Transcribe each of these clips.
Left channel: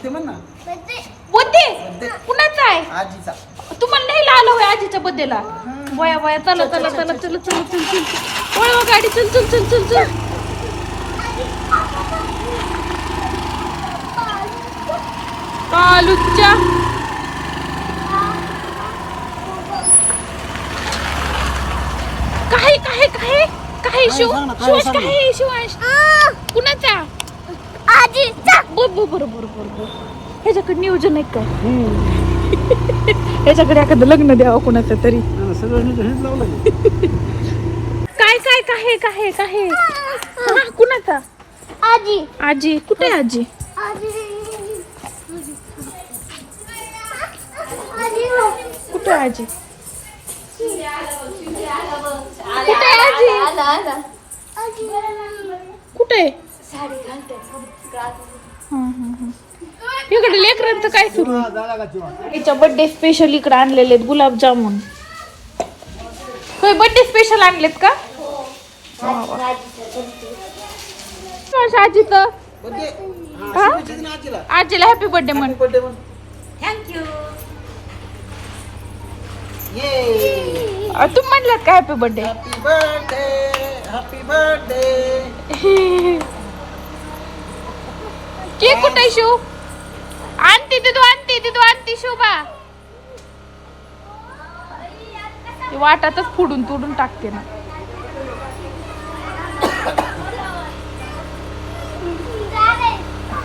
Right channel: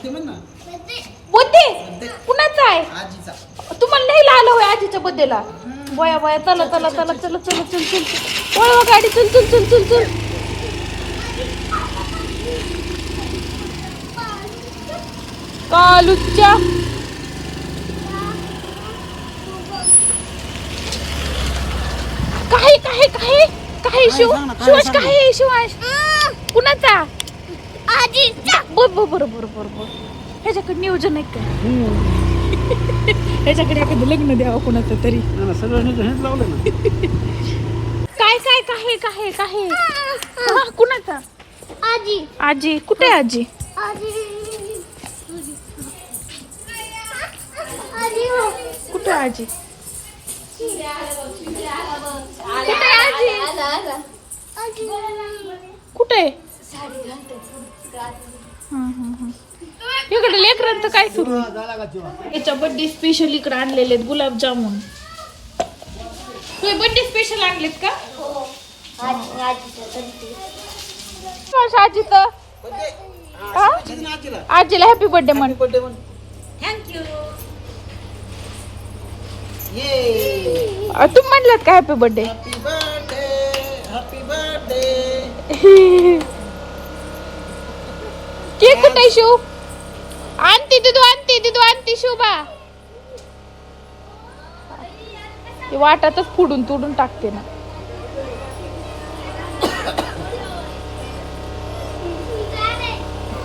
Birthday म्हण ना. Birthday कुणाचा आहे? आजीचा. तुम्हाला नाही आलं होय आजीच्या बर्थडेला? बया बया चला चला चला चला चला चल चल चल गाडी चल चल चल चल चल. पालूच्या काय काय काय काय शिवाश काय शिवाश कुणाचा? आजीचा. बरोबर ह्याच्याकडे नियोजन आहे का? त्याच्याकडे एखादं लग्न द्यावं कुणाचं तरी. सगळं हेच लावलंय ना. काय काय काय काय काय कुणाचा? आजी. आजी कुठे आहे आजी? कुठे आजी? कुठे आजी? कुठे? इकडे लेकरांचं काय सुरू? तिच्या बर्थडे स्पेशल इकडे आणलेले आहेत गुलाबजामुन. होय बर्थडे स्पेशल आणलेत का? आजीला हॅपी बर्थडे म्हण. थँक्यू. तुम्ही म्हणलं का happy birthday? Happy birthday. Happy birthday. Cake कुठे शिव? आणती दिदू शोभा. वाटातच फुडून तुडून टाकते ना.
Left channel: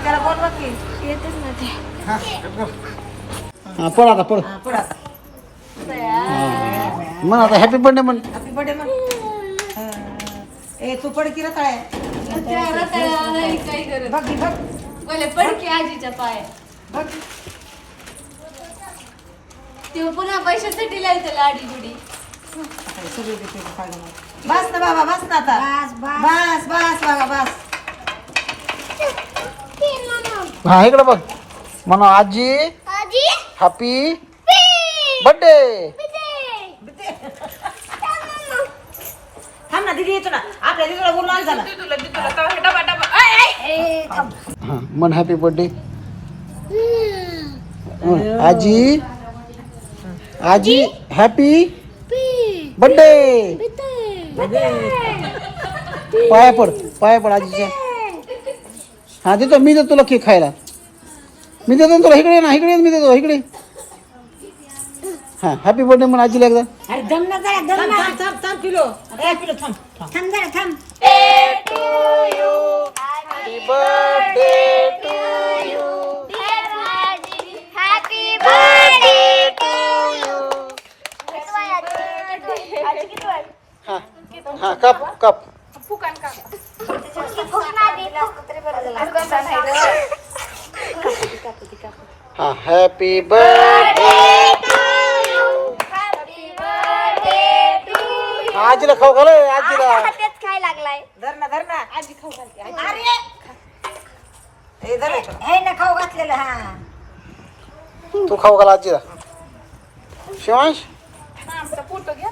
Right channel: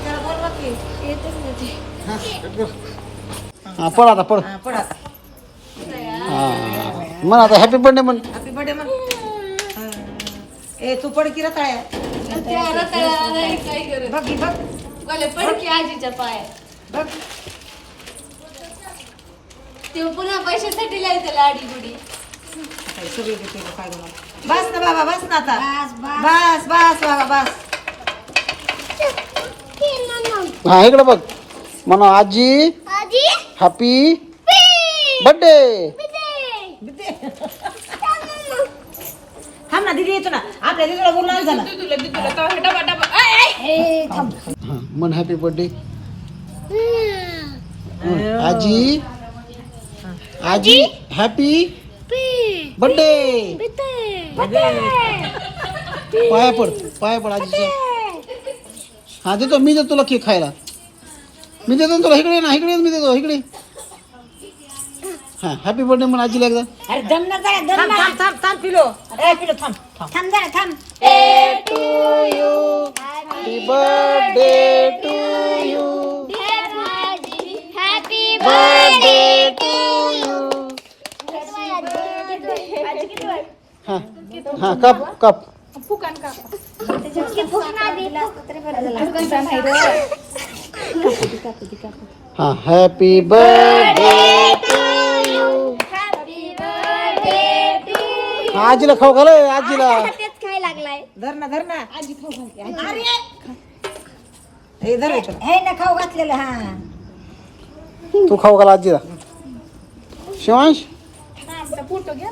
त्याला बोलवा की. हा पळ आता पळ. पडा. म्हण आता हॅपी बर्थडे म्हण. हॅपी बर्थडे मग. ए तू पड की रताळ्या. बघ बघ. पडकी आजीच्या पाया. बघ. ते पुन्हा पैशासाठी लायचं लाडी गुडी. बस ना बाबा बस ना आता. बस बस बाबा बस. हा इकडे बघ. म्हणा आजी हॅपी बर्थडे. थांब ना दिदी येतो ना. आपल्या दिदीला बोलणार झालं. हा म्हण हॅपी बर्थडे. आजी आजी हॅपी बर्थडे. पाया पड आजीच्या. हा देतो मी देतो तुला केक खायला. मी देतो तुला. इकडे ना इकडे मी देतो इकडे. हा हॅपी बर्थडे म्हण आजीला एकदा. अरे दम ना जरा दम ना. थांब थांब पिलो. ए पिलो थांब. थांब जरा थांब. हा कप कप. हा हॅपी बर्थडे. आजीला खाऊ घाल. आजीला काय लागलाय? धर ना. आजी खाऊ घालते. हे धर हे ना खाऊ घातलेलं. हा तू खाऊ घाल आजीला. शिवांश फोटो घ्या.